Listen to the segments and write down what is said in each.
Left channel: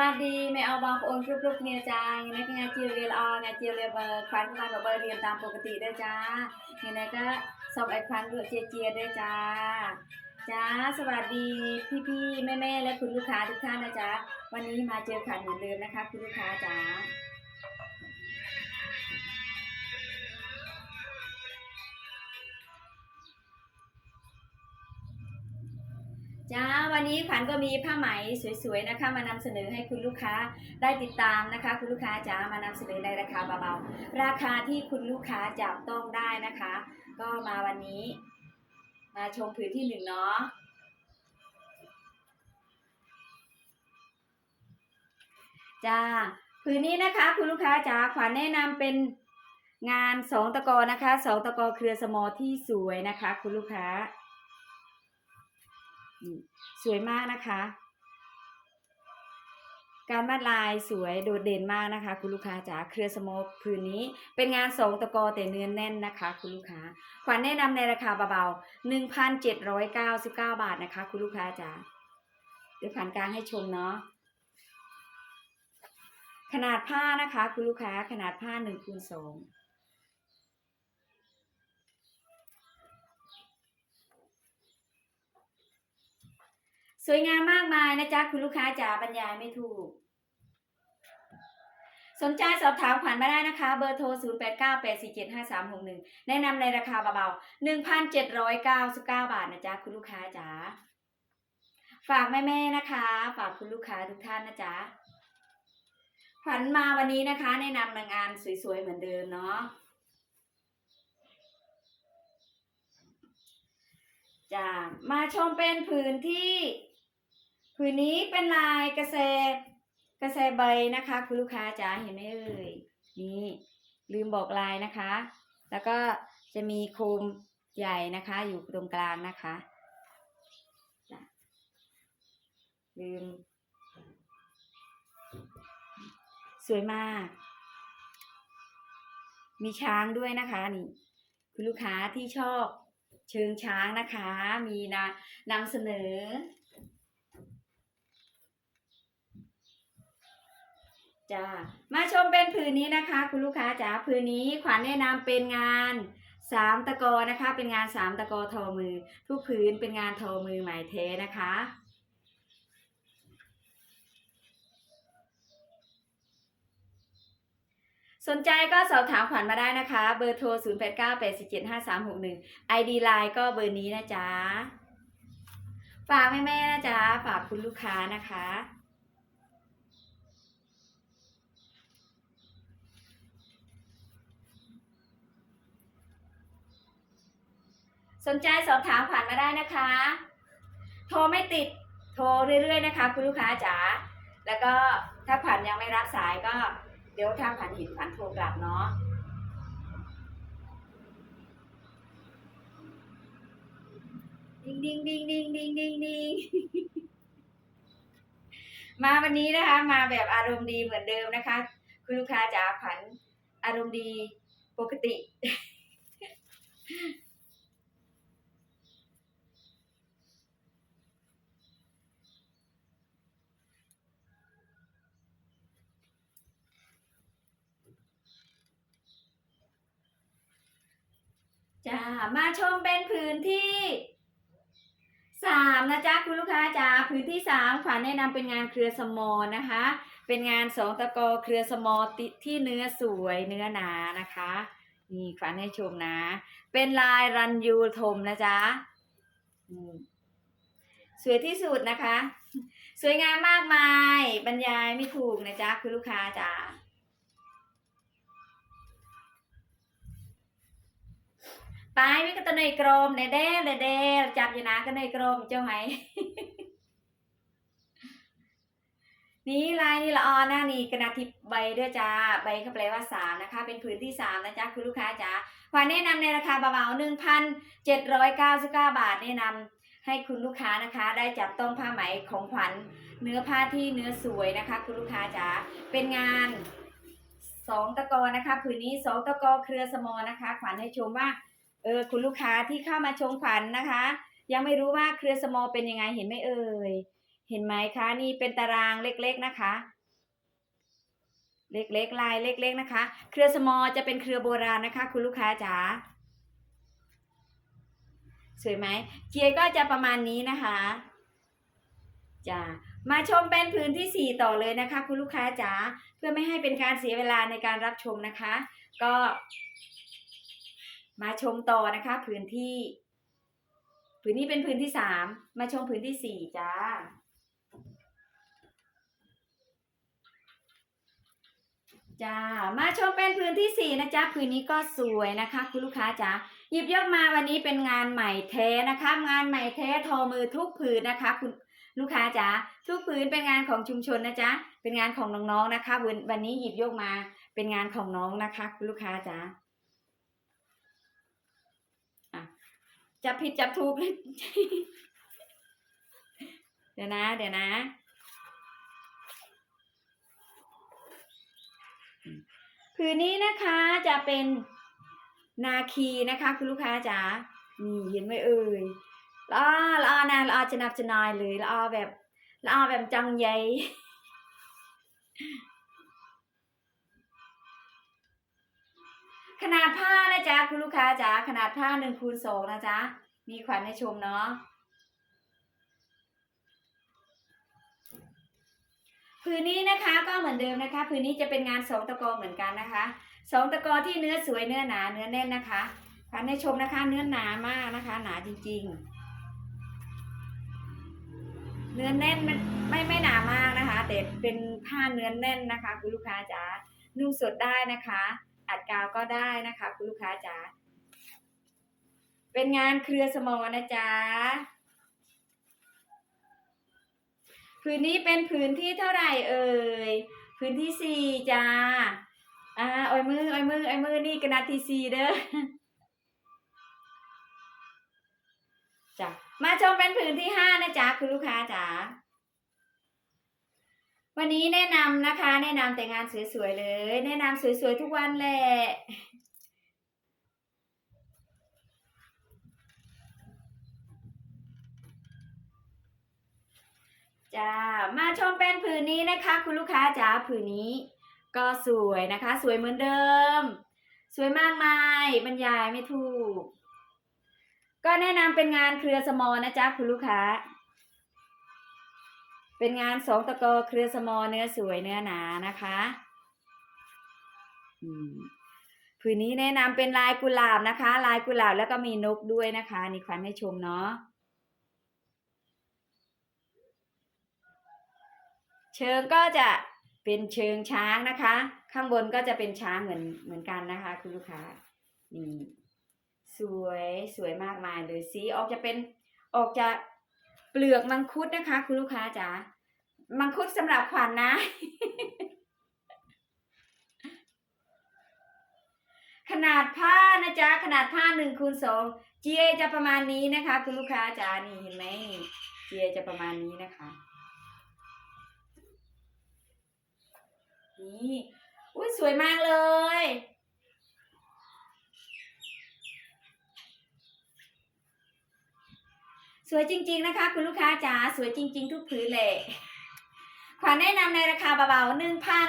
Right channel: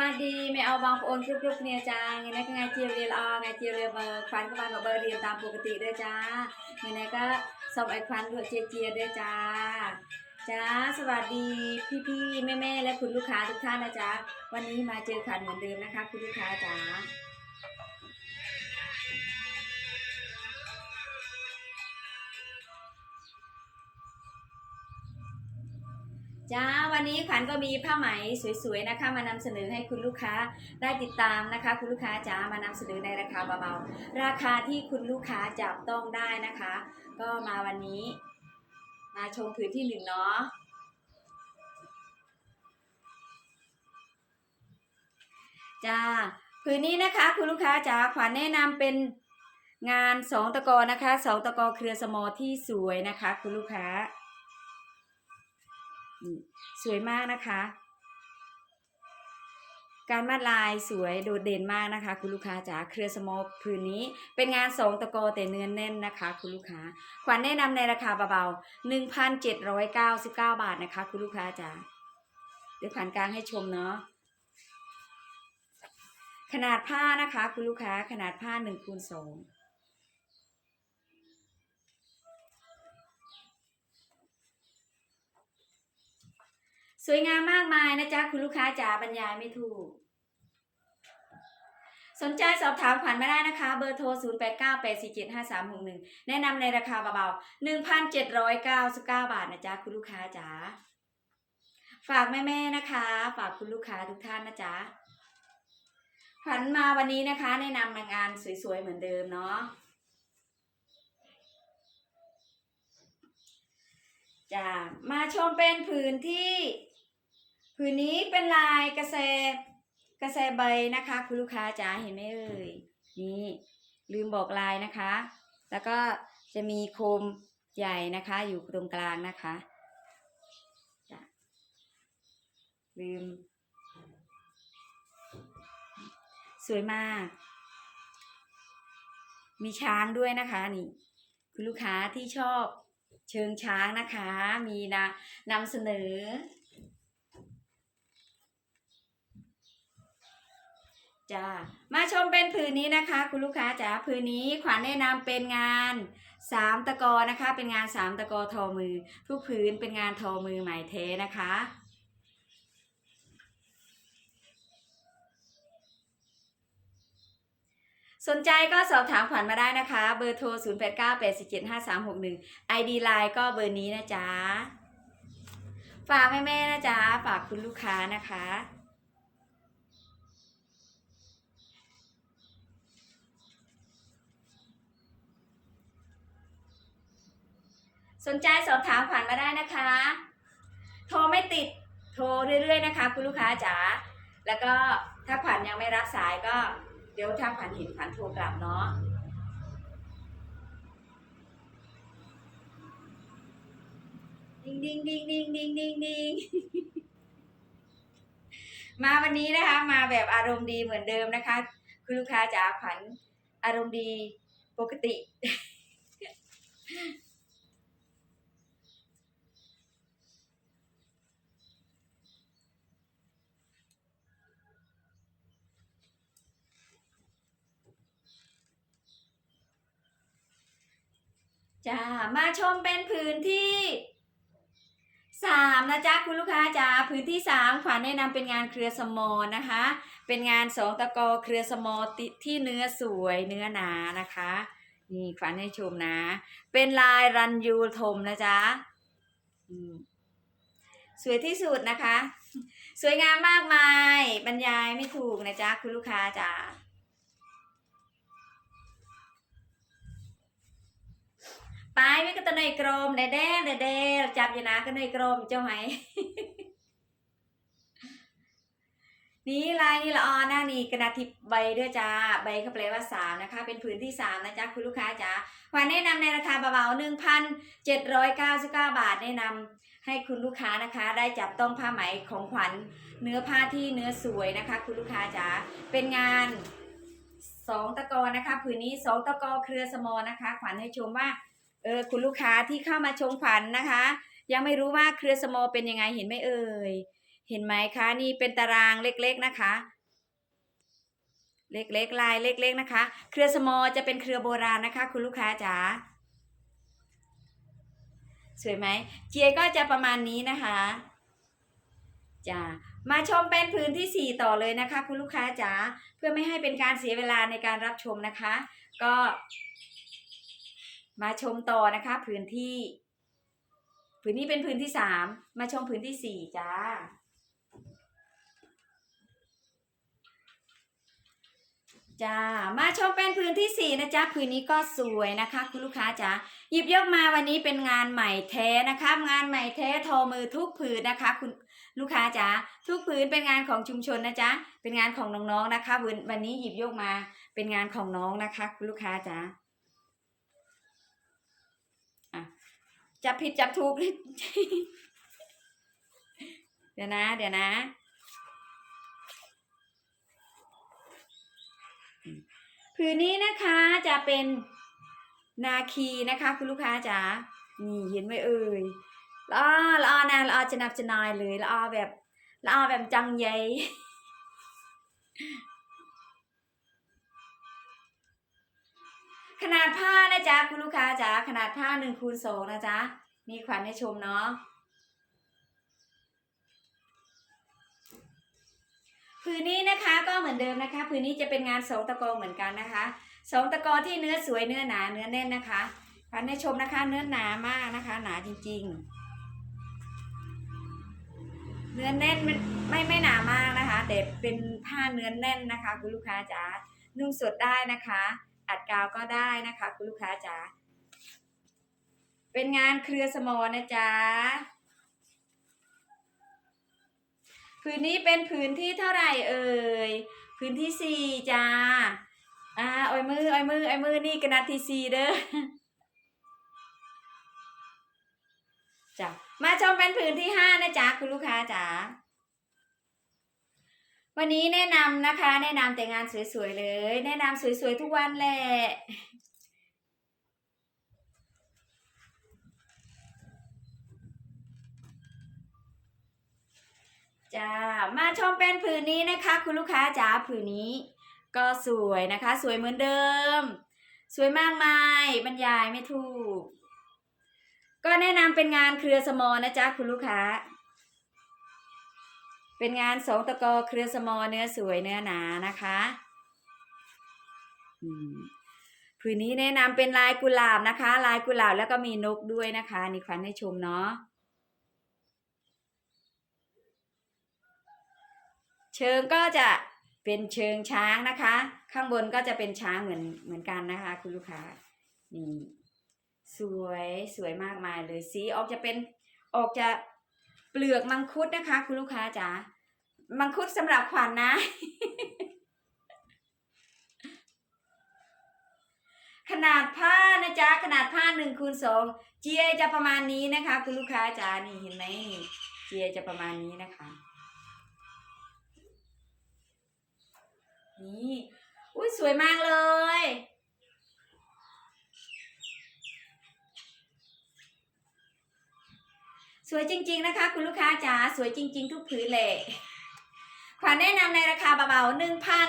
วัสดีแม่เอาบางโอนรูปรูปเนี่ยจ้าเงไงยก็งเจีเรียลอไงเจีเรียเบอร์ควันก็บานเบอเรียนตามปกติด้วยจ้าเงไงก็สอบไอควันด้วยเจียเจียด้จ้าจ้าสวัสดีพี่พี่แม่แม่และคุณลูกค้าทุกท่านนะจ๊ะวันนี้มาเจอขันเหมือนเดิมนะคะ คุณลูกค้าจ้า จ้าวันนี้ขวัญก็มีผ้าไหมสวยๆนะคะ มานำเสนอให้คุณลูกค้าได้ติดตามนะคะ คุณลูกค้าจ๋ามานำเสนอในราคาเบาๆราคาที่คุณลูกค้าจับต้องได้นะคะ ก็มาวันนี้ มาชมผืนที่หนึ่งเนาะจ้าผืนนี้นะคะคุณลูกค้าจ๋าขวัญแนะนำเป็นงานสองตะกอนะคะสองตะกอเครือสมอที่สวยนะคะ คุณลูกค้า สวยมากนะคะ การมาดลายสวยโดดเด่นมากนะคะ คุณลูกค้าจ๋าเครือสโมกคืนนี้เป็นงานสองตะกอแต่เนื้อนแน่นนะคะ คุณลูกค้าขวัญแนะนำในราคาเบาๆ1,799 บาทนะคะ คุณลูกค้าจ๋าเดี๋ยวผ่านกลางให้ชมเนาะขนาดผ้านะคะ คุณลูกค้าขนาดผ้า1คูณสอง สวยงามมากมายนะจ๊ะคุณลูกค้าจ๋าบรรยายไม่ถูก สนใจสอบถามขวัญมาได้นะคะ เบอร์โทร 0 8 9 8 4 7 5 3 6 1 แนะนำในราคาเบาๆ 1,799 บาทนะจ๊ะคุณลูกค้าจ๋าฝากแม่ๆนะคะ ฝากคุณลูกค้าทุกท่านนะจ๊ะขวัญมาวันนี้นะคะ แนะนำงานสวยๆเหมือนเดิมเนาะจะมาชมเป็นผืนที่ ผืนนี้เป็นลายกระแสกระแสใบนะคะ คุณลูกค้าจ๋าเห็นไหมเอ่ยนี่ลืมบอกลายนะคะ แล้วก็จะมีโคมใหญ่นะคะ อยู่ตรงกลางนะคะจ้ะลืม สวยมาก มีช้างด้วยนะคะนี่ คุณลูกค้าที่ชอบเชิงช้างนะคะ มีนะนำเสนอ จ้ามาชมเป็นผืนนี้นะคะ คุณลูกค้าจ๋าผืนนี้ขวัญแนะนำเป็นงานสามตะกอนะคะ เป็นงานสามตะกอทอมือ ทุกผืนเป็นงานทอมือไหมเทนะคะ สนใจก็สอบถามขวัญมาได้นะคะ เบอร์โทร 0 8 9 8 4 7 5 3 6 1 ID Line ก็เบอร์นี้นะจ๊ะ ฝากแม่ๆนะจ๊ะ ฝากคุณลูกค้านะคะ สนใจสอบถามขวัญมาได้นะคะ โทรไม่ติดโทรเรื่อยๆนะคะ คุณลูกค้าจ๋าแล้วก็ถ้าขวัญยังไม่รับสายก็ เดี๋ยวถ้าขวัญเห็นขวัญโทรกลับเนาะดิงดิงดิงดิงดิงดิงดิงมาวันนี้นะคะ มาแบบอารมณ์ดีเหมือนเดิมนะคะ คุณลูกค้าจ๋าขวัญอารมณ์ดีปกติ จ้ามาชมเป็นผืนที่สามนะจ๊ะคุณลูกค้าจ๋าผืนที่สามขวัญแนะนำเป็นงานเครือสมอนะคะ เป็นงานสองตะกอเครือสมอติที่เนื้อสวยเนื้อหนานะคะนี่ขวัญให้ชมนะ เป็นลายรันยูทมนะจ๊ะสวยที่สุดนะคะ สวยงามมากมาย บรรยายไม่ถูกนะจ๊ะคุณลูกค้าจ๋า ไปไม่ก็ตะในกรมเดเด้เดเด้จับอยู่นะก็ในกรมเจ้าไหม นี่ลายนี่ละออนะนี่กระดาษทิปใบด้วยจ้าใบก็แปลว่าสามนะคะ เป็นผืนที่สามนะจ๊ะคุณลูกค้าจ๋าขวัญแนะนำในราคาเบาๆหนึ่งพันเจ็ดร้อยเก้าสิบเก้าบาทแนะนำให้คุณลูกค้านะคะ ได้จับต้องผ้าไหมของขวัญเนื้อผ้าที่เนื้อสวยนะคะ คุณลูกค้าจ๋าเป็นงานสองตะกอนะคะ ผืนนี้สองตะกอเครือสมอนะคะ ขวัญให้ชมว่า เออคุณลูกค้าที่เข้ามาชมขวัญนะคะ ยังไม่รู้ว่าเครือสมอเป็นยังไงเห็นไหมเอ่ยเห็นไหมคะนี่เป็นตารางเล็กๆนะคะ เล็กๆลายเล็ก ๆนะคะ เครือสมอจะเป็นเครือโบราณนะคะ คุณลูกค้าจ๋าสวยไหมเจียก็จะประมาณนี้นะคะจ้ามาชมเป็นพื้นที่สี่ต่อเลยนะคะ คุณลูกค้าจ๋าเพื่อไม่ให้เป็นการเสียเวลาในการรับชมนะคะ ก็ มาชมต่อนะคะพื้นที่ พื้นนี้เป็นพื้นที่สามมาชมพื้นที่สี่จ้าจ้ามาชมเป็นพื้นที่สี่นะจ๊ะพื้นนี้ก็สวยนะคะ คุณลูกค้าจ๋าหยิบยกมาวันนี้เป็นงานใหม่แท้นะคะ งานใหม่แท้ทอมือทุกผืนนะคะ คุณลูกค้าจ๋าทุกผืนเป็นงานของชุมชนนะจ๊ะเป็นงานของน้องๆนะคะวันวันนี้หยิบยกมาเป็นงานของน้องนะคะ คุณลูกค้าจ๋า จับผิดจับถูกเดี๋ยวนะ เดี๋ยวนะผืนนี้นะคะจะเป็นนาคีนะคะ คุณลูกค้าจ๋านี่เห็นไหมเอ่ยละอาละอนะละอาจะนับจะนายเลยละอาแบบละอาแบบจังใหญ่ ขนาดผ้านะจ๊ะคุณลูกค้าจ๋าขนาดผ้าหนึ่งคูณสองนะจ๊ะมีขวัญให้ชมเนาะผืนนี้นะคะก็เหมือนเดิมนะคะผืนนี้จะเป็นงานสองตะกอเหมือนกันนะคะสองตะกอที่เนื้อสวยเนื้อหนาเนื้อแน่นนะคะพันให้ชมนะคะ เนื้อหนามากนะคะ หนาจริง ๆ เนื้อแน่นไม่ไม่ไม่หนามากนะคะ แต่เป็นผ้าเนื้อแน่นนะคะ คุณลูกค้าจ๋านุ่งสดได้นะคะ อัดกาวก็ได้นะคะ คุณลูกค้าจ๋าเป็นงานเครือสมอนะจ๊ะพื้นนี้เป็นพื้นที่เท่าไหร่เอ่ยพื้นที่สี่จ้าอ่าอ้อยมืออ้อยมืออ้อยมือนี่กระนาดที่สี่เด้อจ้ะมาชมเป็นพื้นที่ห้านะจ๊ะคุณลูกค้าจ๋า วันนี้แนะนำนะคะ แนะนำแต่งานสวยๆเลย แนะนำสวยๆทุกวันแหละจ้ามาชมเป็นผืนนี้นะคะ คุณลูกค้าจ๋าผืนนี้ ก็สวยนะคะ สวยเหมือนเดิม สวยมากมายบรรยายไม่ถูก ก็แนะนำเป็นงานเครือสมอนะจ๊ะคุณลูกค้า เป็นงานสองตะกอเครือสมอเนื้อสวยเนื้อหนานะคะอืมผืนนี้แนะนำเป็นลายกุหลาบนะคะ ลายกุหลาบแล้วก็มีนกด้วยนะคะ นี่ควันให้ชมเนาะเชิงก็จะเป็นเชิงช้างนะคะ ข้างบนก็จะเป็นช้างเหมือนเหมือนกันนะคะ คุณลูกค้านี่สวยสวยมากมายเลยสีออกจะเป็นออกจะ เปลือกมังคุดนะคะ คุณลูกค้าจ๋ามังคุดสำหรับขวัญนนะ ขนาดผ้านะจ๊ะขนาดผ้าหนึ่งคูณสองเจียจะประมาณนี้นะคะ คุณลูกค้าจ๋านี่เห็นไหมเจียจะประมาณนี้นะคะ นี่อุ้ยสวยมากเลย สวยจริง ๆ นะคะ คุณลูกค้าจ๋าสวยจริง ๆ ทุกผืนเลยขวัญแนะนำในราคาเบาๆหนึ่งพัน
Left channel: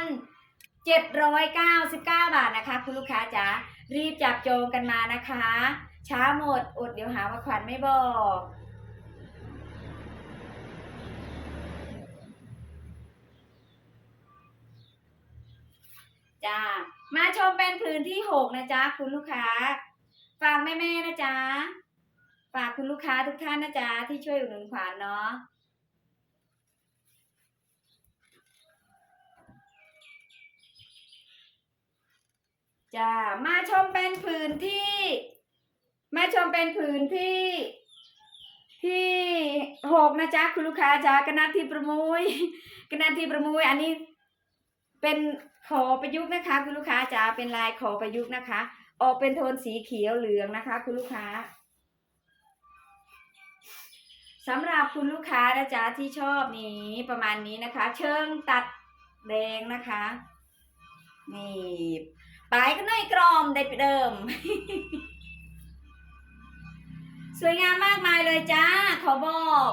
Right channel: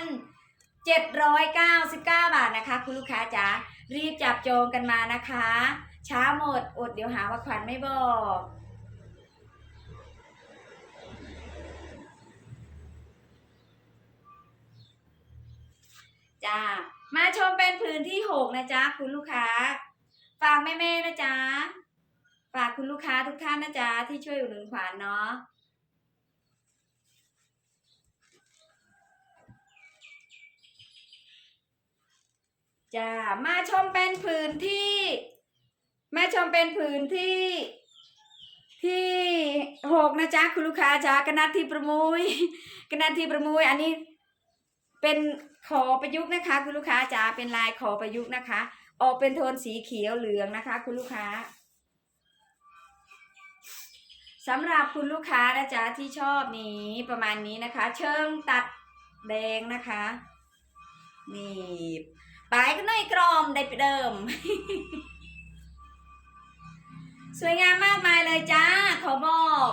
เจ็ดร้อยเก้าสิบเก้าบาทนะคะ คุณลูกค้าจ๋ารีบจับจองกันมานะคะ ช้าหมดอดเดี๋ยวหาว่าขวัญไม่บอกจ้ามาชมเป็นผืนที่หกนะจ๊ะ คุณลูกค้าฝากแม่ ๆ นะจ๊ะ ฝากคุณลูกค้าทุกท่านนะจ๊ะที่ช่วยอุดหนุนขวานเนาะจ้ามาชมเป็นผืนที่ มาชมเป็นผืนที่ที่หกนะจ๊ะคุณลูกค้าจ๊ะกนัดที่ประมุยกนัดที่ประมุยอันนี้เป็นขอประยุกต์นะคะ คุณลูกค้าจ๋าเป็นลายขอประยุกต์นะคะ ออกเป็นโทนสีเขียวเหลืองนะคะ คุณลูกค้า สำหรับคุณลูกค้านะจ๊ะที่ชอบนี้ประมาณนี้นะคะ เชิงตัดแดงนะคะ นี่ปลายก็น้อยกรอมได้เดิม สวยงามมากมายเลยจ้า ขอบอก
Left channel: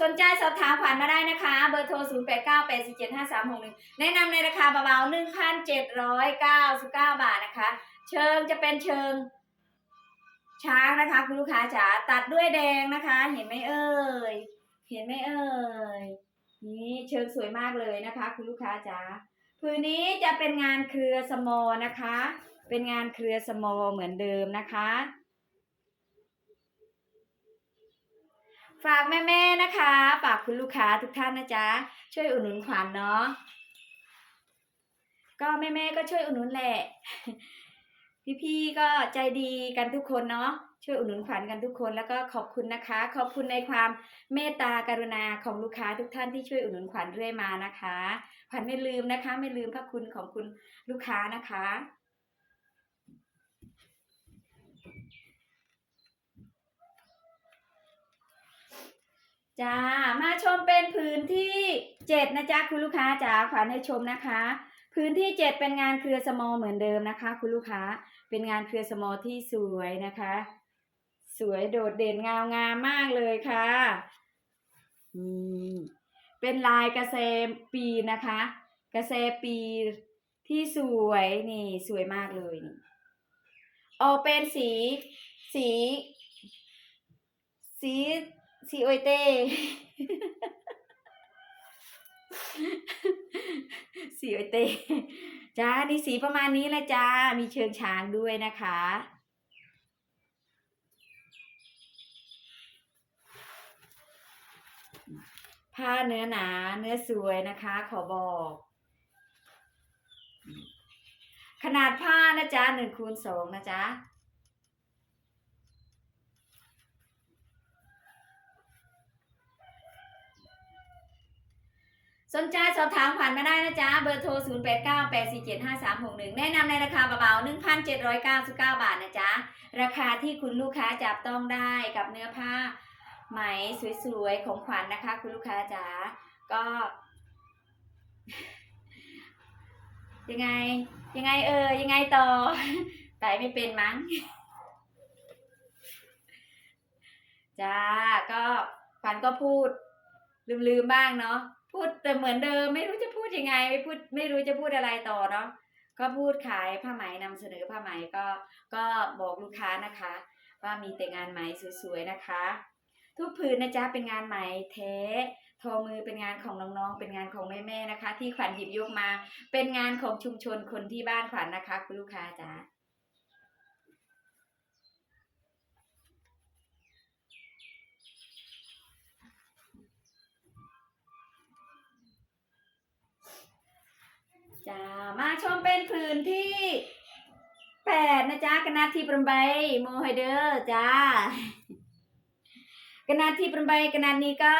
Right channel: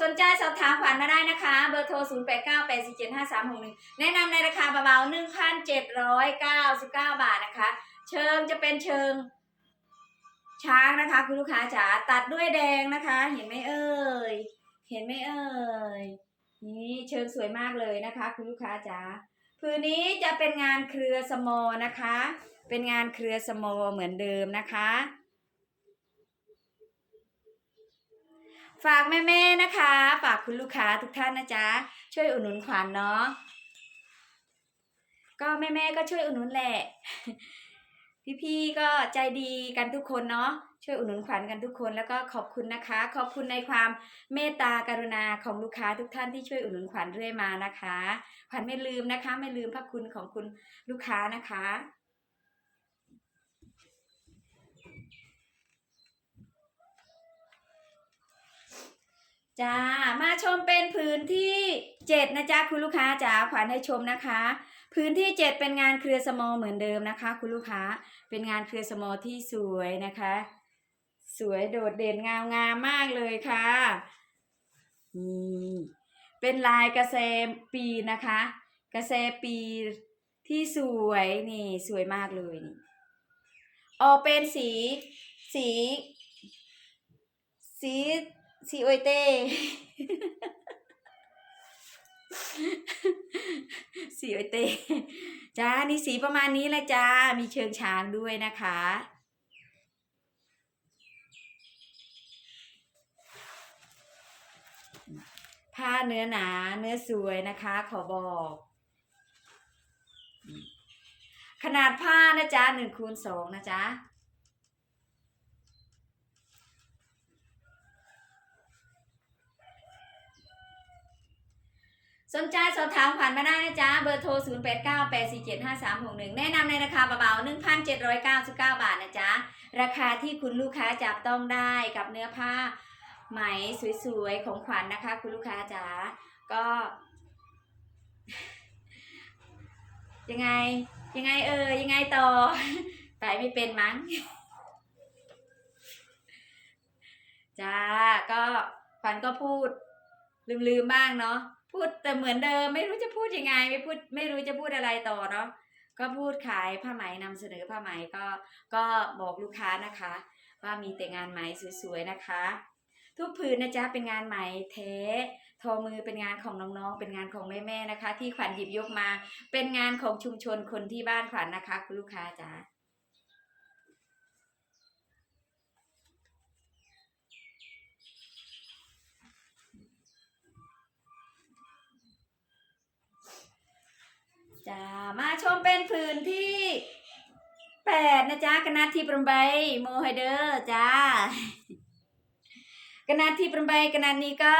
สนใจสอบถามขวัญมาได้นะคะ เบอร์โทร 0 8 9 8 4 7 5 3 6 1 แนะนำในราคาเบาๆ1,799 บาทนะคะ เชิงจะเป็นเชิง ช้างนะคะคุณลูกค้าจ๋าตัดด้วยแดงนะคะ เห็นไหมเอ่ยเห็นไหมเอ่ยนี่เชิงสวยมากเลยนะคะ คุณลูกค้าจ๋าผืนนี้จะเป็นงานเครือสมอนะคะ เป็นงานเครือสมอเหมือนเดิมนะคะ ฝากแม่ๆนะคะ ฝากคุณลูกค้าทุกท่านนะจ๊ะช่วยอุดหนุนขวัญเนาะก็แม่ๆก็ช่วยอุดหนุนแหละ พี่ๆก็ใจดีกันทุกคนเนาะช่วยอุดหนุนขวัญกันทุกคนแล้วก็ขอบคุณนะคะ ขอบคุณในความเมตตากรุณาของลูกค้าทุกท่านที่ช่วยอุดหนุนขวัญเรื่อยมานะคะขวัญไม่ลืมนะคะ ไม่ลืมพระคุณของคุณลูกค้านะคะจ้ามาชมเป็นพื้นที่เจ็ดนะจ๊ะคุณลูกค้าจ๋าขวัญให้ชมนะคะ พื้นที่เจ็ดเป็นงานเครือสมอเหมือนเดิมนะคะ คุณลูกค้า เป็นงานเครือสมอที่สวยนะคะ สวยโดดเด่นงามงามมากเลยค่ะนี่เป็นลายกระเซปีนะคะ กระเซปีที่สวยนี่สวยมากเลยนี่ออกเป็นสี สี สี สีโอยเต้สีโอยเต้ จ้านี่สีประมาณนี้แหละจ้า มีเชิงช้างด้วยนะคะ ผ้าเนื้อหนาเนื้อสวยนะคะ ขอบอก ขนาดผ้านะจ๊ะหนึ่งคูณสองนะจ๊ะ สนใจสอบถามขวัญมาได้นะจ๊ะ เบอร์โทร 0 8 9 8 4 7 5 3 6 1 แนะนำในราคาเบาๆ1,799 บาทนะจ๊ะ ราคาที่คุณลูกค้าจับต้องได้กับเนื้อผ้าไหมสวยๆ ของขวัญนะคะ คุณลูกค้าจ๋า ก็ ยังไง ยังไงเออ ยังไงต่อไปไม่เป็นมั้ง จ้า ก็ขวัญก็พูด ลืมๆบ้างเนาะ พูดแต่เหมือนเดิมไม่รู้จะพูดยังไงไม่พูดไม่รู้จะพูดอะไรต่อเนาะก็พูดขายผ้าไหมนำเสนอผ้าไหมก็ก็บอกลูกค้านะคะ ว่ามีแต่งานไหมสวยๆนะคะ ทุกผืนนะจ๊ะเป็นงานไหมเททอมือเป็นงานของน้องๆ เป็นงานของแม่ๆนะคะ ที่ขวัญหยิบยกมา เป็นงานของชุมชนคนที่บ้านขวัญนะคะ คุณลูกค้าจ๋า จ้ามาชมเป็นผืนที่แปดนะจ๊ะกนาทีประใบโมไฮเดอร์จ้ากนาทีประใบกนาดนี้ก็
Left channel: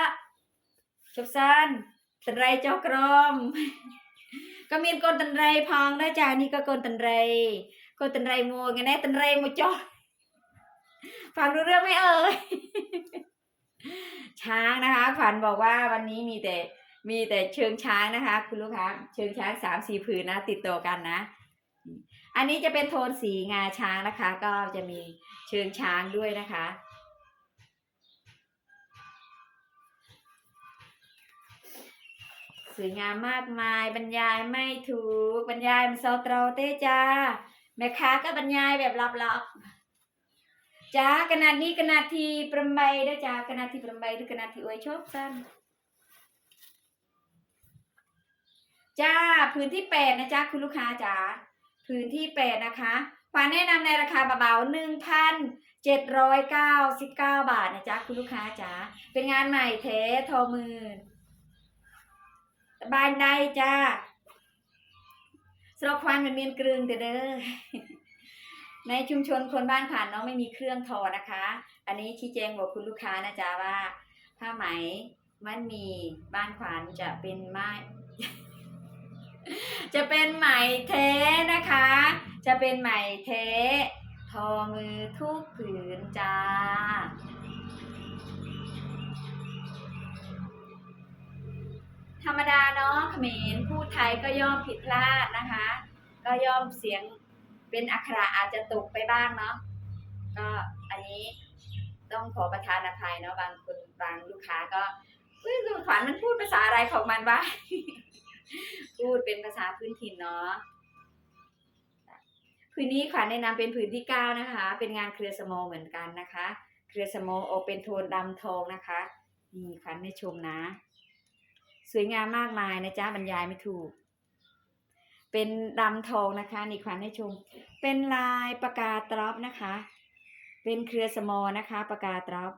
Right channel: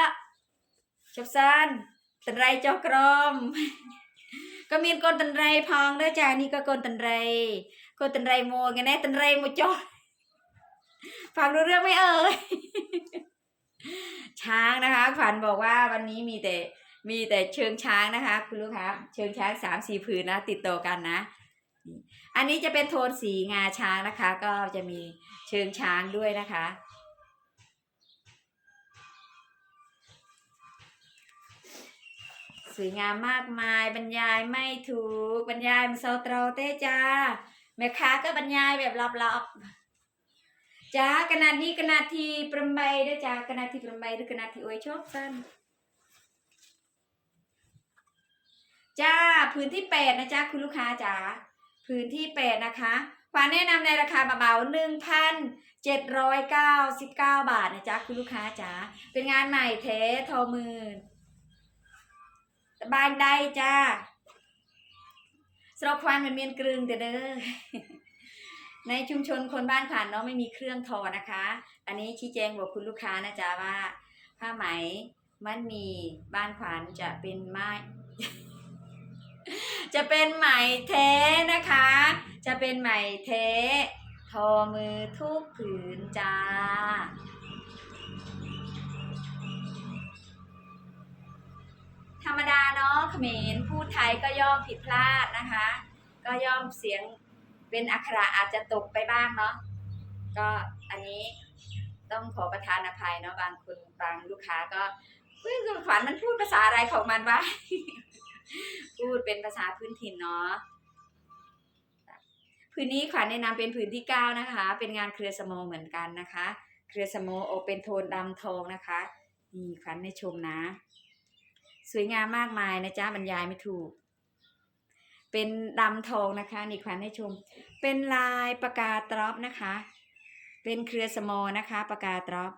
ชบซันตันไรจอกรมก็มีกนตันไรพองนะจ้านี่ก็กนตันไรกนตันไรโมไงนะตันไรโมจอฟังรู้เรื่องไหมเอ่ยช้างนะคะขวัญบอกว่าวันนี้มีแต่ มีแต่เชิงช้างนะคะ คุณลูกค้าเชิงช้างสามสี่ผืนนะ ติดต่อกันนะ อันนี้จะเป็นโทนสีงาช้างนะคะ ก็จะมีเชิงช้างด้วยนะคะสวยงามมากมายบรรยายไม่ถูกบรรยายมันโซตรเต้จ้าแม่ค้าก็บรรยายแบบลับๆจ้ากระนาดนี้กระนาดที่ประไมด้จ้ากระนาดที่ประไมหรือกระนาดที่อวยชอบสั้น จ้าพื้นที่แปดนะจ๊ะคุณลูกค้าจ๋าพื้นที่แปดนะคะขวัญแนะนำในราคาเบาๆหนึ่งพันเจ็ดร้อยเก้าสิบเก้าบาทนะจ๊ะคุณลูกค้าจ๋าเป็นงานใหม่เททอมือบานได้จ้าสำหรับควันมันเมียนกรึงแต่เด้อในชุมชนคนบ้านขานเนาะไม่มีเครื่องทอนะคะ อันนี้ชี้แจงบอกคุณลูกค้านะจ๊ะว่า ผ้าไหมมันมีบ้านขวานจะเป็นไม้ จะเป็นไหมเทนะคะ จะเป็นไหมเท ทอมือทุกผืนจ้า ธรรมดาเนาะเขมรพูดไทยก็ย่อมผิดพลาดนะคะ ก็ย่อมเสียงเป็นอักขระอาจจะตกไปบ้างเนาะ ก็อันนี้ต้องขอประทานอภัยเนาะบางคนบางลูกค้าก็เฮ้ยขวัญมันพูดภาษาอะไรของมันวะ พูดเป็นภาษาพื้นถิ่นเนาะพื้นนี้ขวัญแนะนำเป็นผืนที่เก้านะคะ เป็นงานเครือสโมเหมือนกันนะคะ เครือสโมโอเป็นโทนดำทองนะคะนี่ขวัญให้ชมนะ สวยงามมากมายนะจ๊ะบรรยายไม่ถูก เป็นดำทองนะคะนี่ขวัญให้ชม เป็นลายปากกาตรอปนะคะ เป็นเครือสโมนะคะปากกาตรอป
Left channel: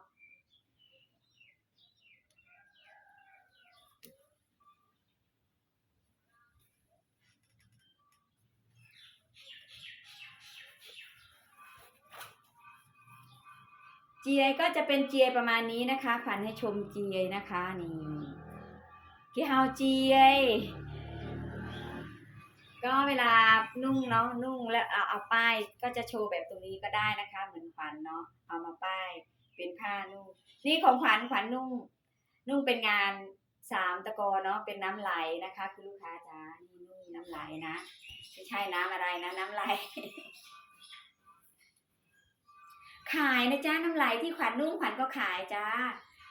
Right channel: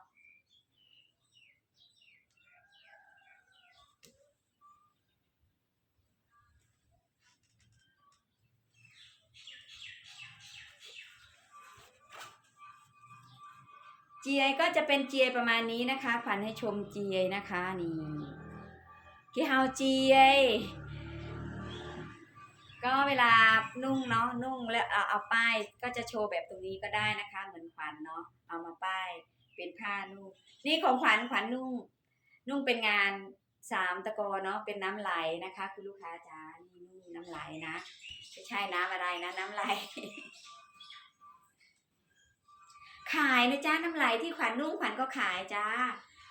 เจียก็จะเป็นเจียประมาณนี้นะคะขวัญให้ชมเจียนะคะนี่กี่เฮาเจียก็เวลานุ่งเนาะนุ่งแล้วเอาเอาป้ายก็จะโชว์แบบตรงนี้ก็ได้นะคะ เหมือนขวัญเนาะเอามาป้ายเป็นผ้านุ่งนี่ของขวัญขวัญนุ่ง นุ่งเป็นงานสามตะกอเนาะเป็นน้ำไหลนะคะคุณลูกค้าจ๋านี่นุ่งน้ำไหลนะไม่ใช่น้ำอะไรนะน้ำไหล ขายนะจ๊ะน้ำไหลที่ขวัญนุ่งขวัญก็ขายจ้า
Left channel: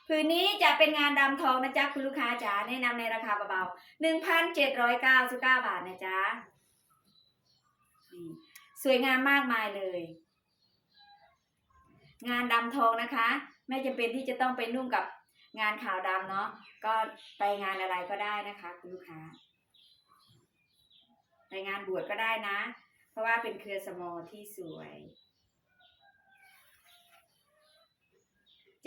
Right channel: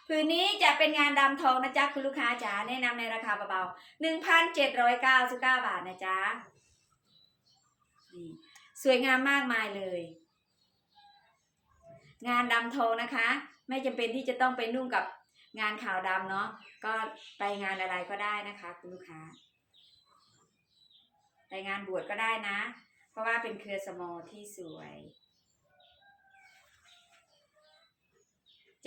ผืนนี้จะเป็นงานดำทองนะจ๊ะคุณลูกค้าจ๋าแนะนำในราคาเบาๆหนึ่งพันเจ็ดร้อยเก้าสิบเก้าบาทนะจ๊ะนี่สวยงามมากมายเลย งานดำทองนะคะ ไม่จำเป็นที่จะต้องไปนุ่งกับงานขาวดำเนาะก็ไปงานอะไรก็ได้นะคะคุณลูกค้า ไปงานบวชก็ได้นะ เพราะว่าเป็นเครือสมอที่สวย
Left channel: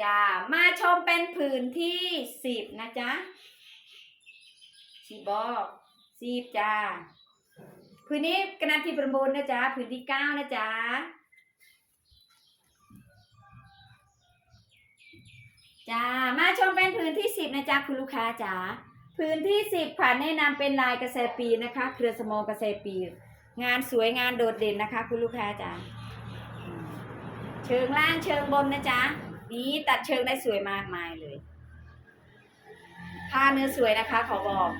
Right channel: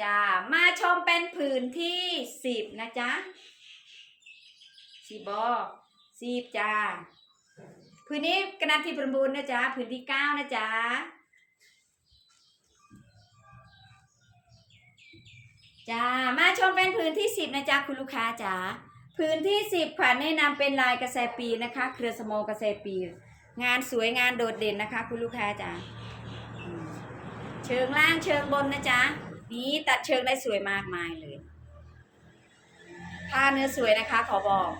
จ้ามาชมเป็นผืนที่สิบนะจ๊ะสิบอสิบจ้าผืนนี้กระนาทีประมูลนะจ๊ะผืนที่เก้านะจ๊ะจ้ามาชมเป็นผืนที่สิบนะจ๊ะคุณลูกค้าจ๋าผืนที่สิบขวัญแนะนำเป็นลายกระแสปีนะคะ เครือสมองกระแสปี งานสวยงานโดดเด่นนะคะ คุณลูกค้าจ๋าเชิงล่างเชิงบนนะจ๊ะ นี้ตัดเชิงได้สวยมากมายเลยผ้าเนื้อสวยนะคะ ขอบอก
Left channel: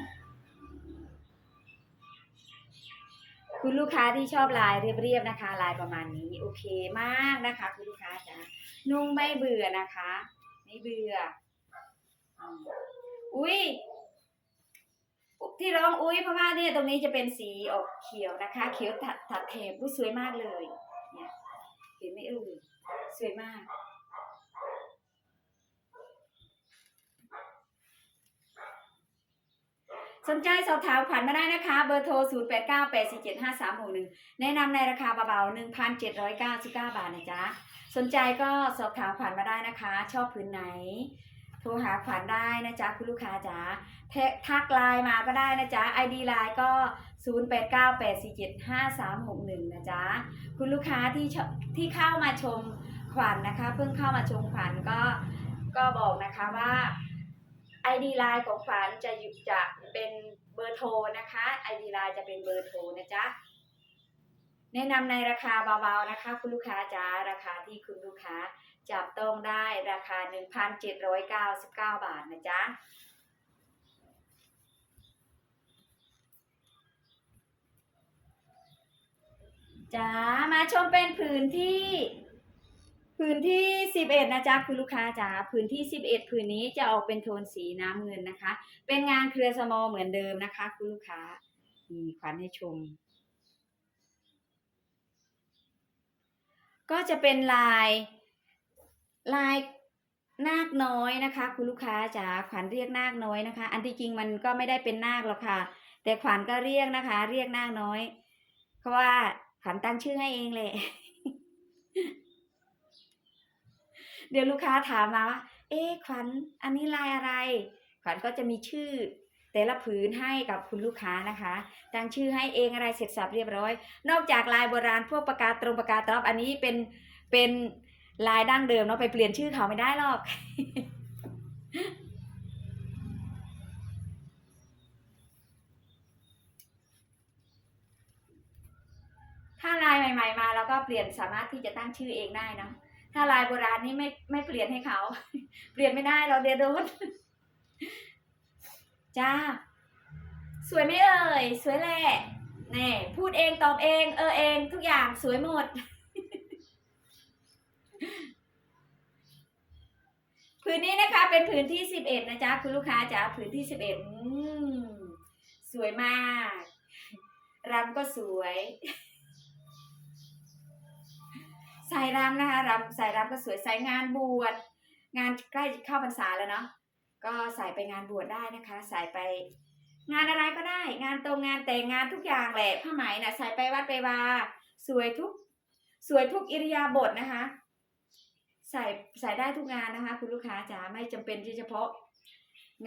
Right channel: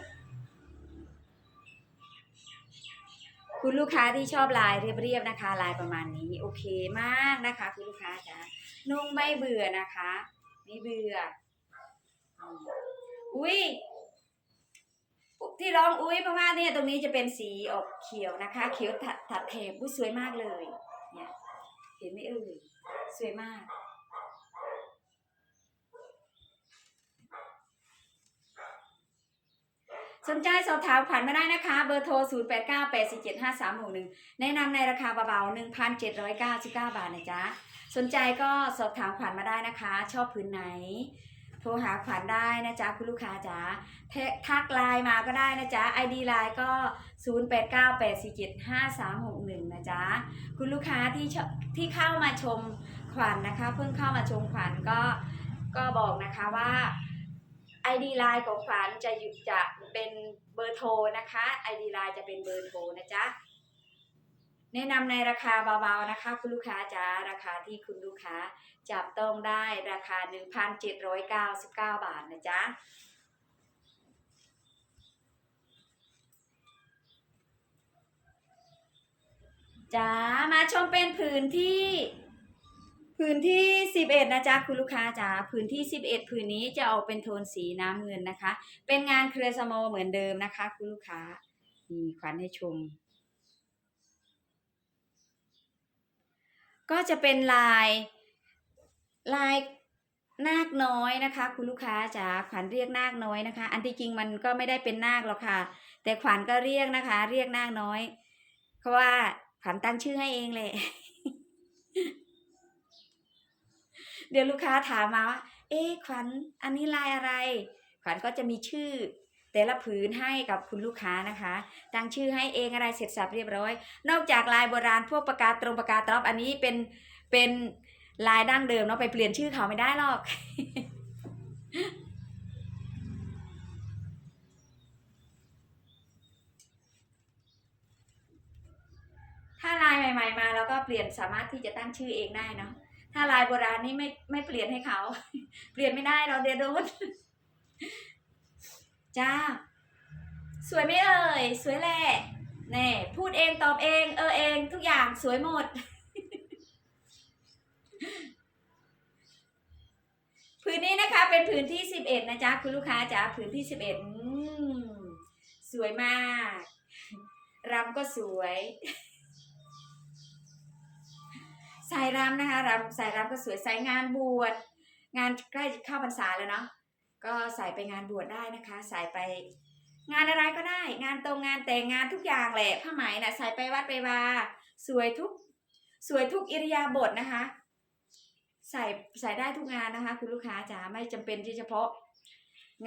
คุณลูกค้าที่ชอบลายเรียบๆนะคะ ลายประมาณนี้ โอเคมากนะคะ คุณลูกค้าจ๋านุ่งไม่เบื่อนะคะ ไม่เบื่ออุ้ยที่ร้องอุ้ยเพราะว่าเนี่ยตรงนี้จะเป็นสีออกเขียวนะคะ เขียวถัดถัดเทปอุ้ยสวยมากเลย เนี่ยเห็นไหมเอ่ยสวยมาก ส นใจสอบถามขวัญมาได้นะคะ เบอร์โทร 0 8 9 8 4 7 5 3 6 1 แนะนำในราคาเบาๆ 1,799 บาทนะจ๊ะ สนใจก็สอบถามขวัญมาได้นะคะ ชอบพื้นไหน โทรหาขวัญได้นะจ๊ะ คุณลูกค้าจ๋าทักไลน์มาก็ได้นะจ๊ะ ID ไลน์ก็ 0 8 9 8 4 7 5 3 6 1 นะจ๊ะ คุณลูกค้าที่ที่เข้ามาชมขวัญนะคะ เพิ่งเข้ามาชมขวัญก็ก็บอกนะคะว่า ID ไลน์ของขวัญจะหยิบจะ เป็นเบอร์โทรนะคะ ID ไลน์จะเป็นเบอร์โทรนะจ๊ะแนะนำในราคาเบาๆนะคะ คุณลูกค้าจ้าราคาที่คุณลูกค้าจับต้องได้ราคา 1,799 บาทนะจ๊ะจ้ามาชมเป็นผืนที่ ผืนที่ 11 นะจ๊ะคุณลูกค้าจ๋าผืนที่ 11ผืนนี้จะออกเป็นโทนสีน้ำเงินนะคะ เป็นงานเครือสมอเหมือนเดิมนะคะ คุณลูกค้านี่ขวัญให้ชม ก็จะเป็นลายลายนาคน้อยนะคะ คุณลูกค้าจ๋าขวัญเรียกนาคน้อยนะคะ อันที่จริงมันก็ไม่ได้เป็นนาคหรอกค่ะ แต่ขวัญก็เรียกนะคะ เรียกนาคน้อยเพราะว่าขวัญตั้งชื่อให้เองเลย เดี๋ยวลูกค้าถามมาว่าเอ๊ขวัญอันนี้ลายอะไร ขวัญก็จะมีชื่อ แต่ละผืนให้กับคุณลูกค้านะคะตั้งชื่อให้เองอะไรเสร็จสับเรียบร้อย นอกจากลายโบราณพวกประกาตรงประกาตรอบอันนี้เป็นเป็นลายดั้งเดิมเนาะไปเปลี่ยนชื่อเขาไม่ได้หรอกถ้าลายใหม่ ๆ มาเราก็เปลี่ยนสามารถที่จะตั้งชื่อเองได้เนาะ ถ้าลายโบราณนี่ไม่ไม่เปลี่ยนให้เขา เปลี่ยนไม่ได้เราเดียโดนจ้า สวยไหมเอ่ย สวยแหละแน่พูดเองตอบเอง เออเองทุกอย่างสวยหมด ผืนนี้นะคะ เป็นผืนที่สิบเอ็ดนะจ๊ะคุณลูกค้าจ๋าผืนที่สิบเอ็ดสวยมากรำก็สวย สายรำนะคะรำสายรำก็สวยใส่งานบวชงานใกล้เข้าพรรษาแล้วเนาะก็ใส่ไปงานบวชได้นะคะ ใส่ไปงานอะไรก็ได้ งานตรงงานแต่งงานทุกอย่างแหละผ้าไหมนะใส่ไปวัดไปวาสวยทุกสวยทุกอิริยาบถนะคะ ใส่ใส่ได้ทุกงานนะคะ คุณลูกค้าจ๋าไม่จำเป็นที่เฉพาะ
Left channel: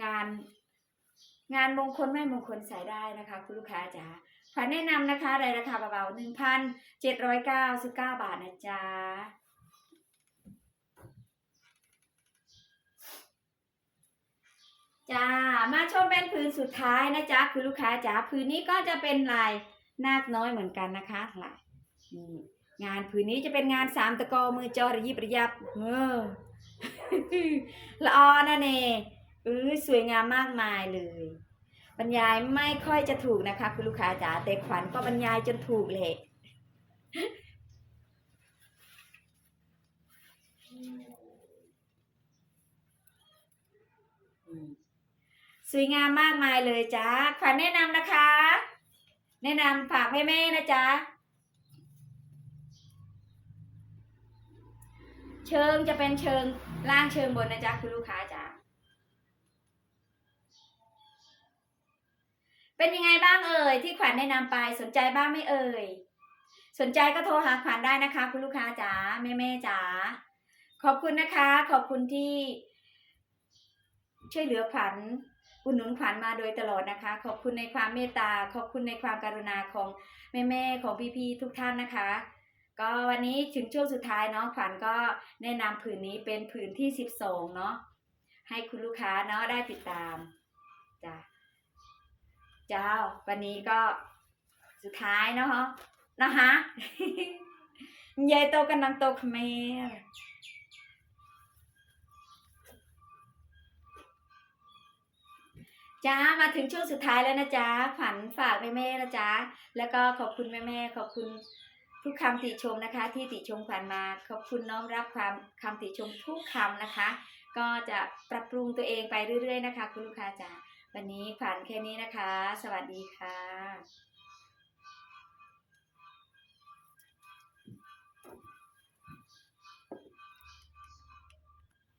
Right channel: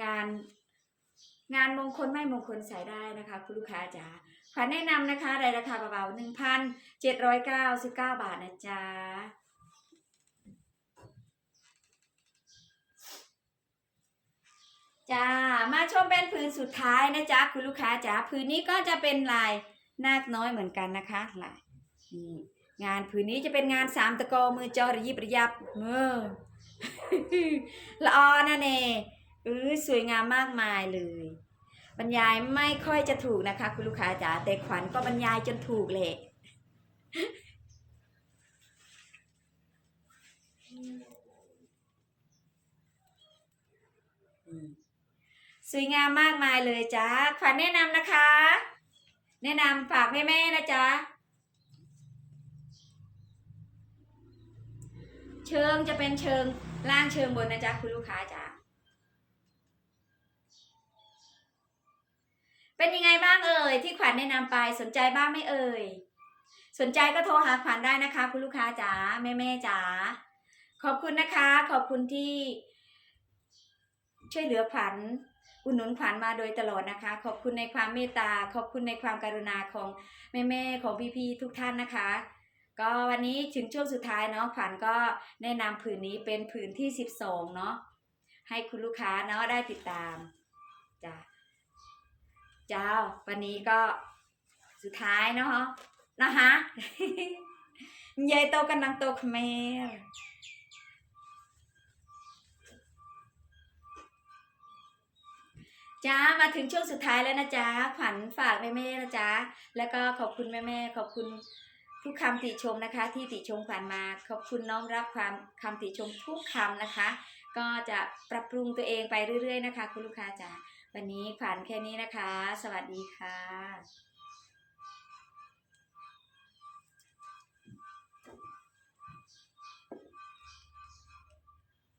งาน งานมงคลไม่มงคลใส่ได้นะคะ คุณลูกค้าจ๋าขวัญแนะนำนะคะในราคาเบาๆหนึ่งพันเจ็ดร้อยเก้าสิบเก้าบาทนะจ๊ะจ้ามาชมเป็นผืนสุดท้ายนะจ๊ะคุณลูกค้าจ๋าผืนนี้ก็จะเป็นลายนาคน้อยเหมือนกันนะคะลายนี่งานผืนนี้จะเป็นงานสามตะกอมือจอระยิบระยับเออละออนะเน่เออสวยงามมากมายเลย บรรยายไม่ค่อยจะถูกนะคะ คุณลูกค้าจ๋าแต่ขวัญก็บรรยายจนถูกเลยสวยงามมากมายเลยจ้าขวัญแนะนำนะคะ แนะนำฝากแม่แม่ๆนะจ๊ะเชิงจะเป็นเชิงล่างเชิงบนนะจ๊ะคุณลูกค้าจ้า เป็นยังไงบ้างเอ่ยที่ขวัญแนะนำไปสนใจบ้างไหม่เอ่ยสนใจก็โทรหาขวัญได้นะคะ คุณลูกค้าจ๋าแม่แม่จ๋าขอบคุณนะคะ ขอบคุณที่ ช่วยเหลือขวัญอุดหนุนขวัญมาโดยตลอดนะคะ ขอบคุณในความเมตตา ขอบคุณในความกรุณาของแม่ๆของพี่ๆทุกท่านนะคะ ก็วันนี้ถึงช่วงสุดท้ายเนาะขวัญก็แนะนำผืนนี้เป็นผืนที่สิบสองเนาะให้คุณลูกค้าเนาะได้ติดตามจ้ะ เจ้า วันนี้ก็สุดท้ายเนาะนะคะยายโตกันนังโตเขมรจ้ามาถึงช่วงสุดท้ายแล้วนะจ๊ะขวัญฝากแม่แม่ๆนะจ๊ะแล้วก็ขอบคุณแม่แม่ๆขอบคุณทุกคำติชมนะคะ ที่ติชมขวัญมา ขอบคุณน้อมรับความคำติชมทุกคำนะคะ ก็จะปรับปรุงตัวเองไปเรื่อย ๆ นะคะ คุณลูกค้าจ๋า วันนี้ผ่านแค่นี้นะคะ สวัสดีค่ะ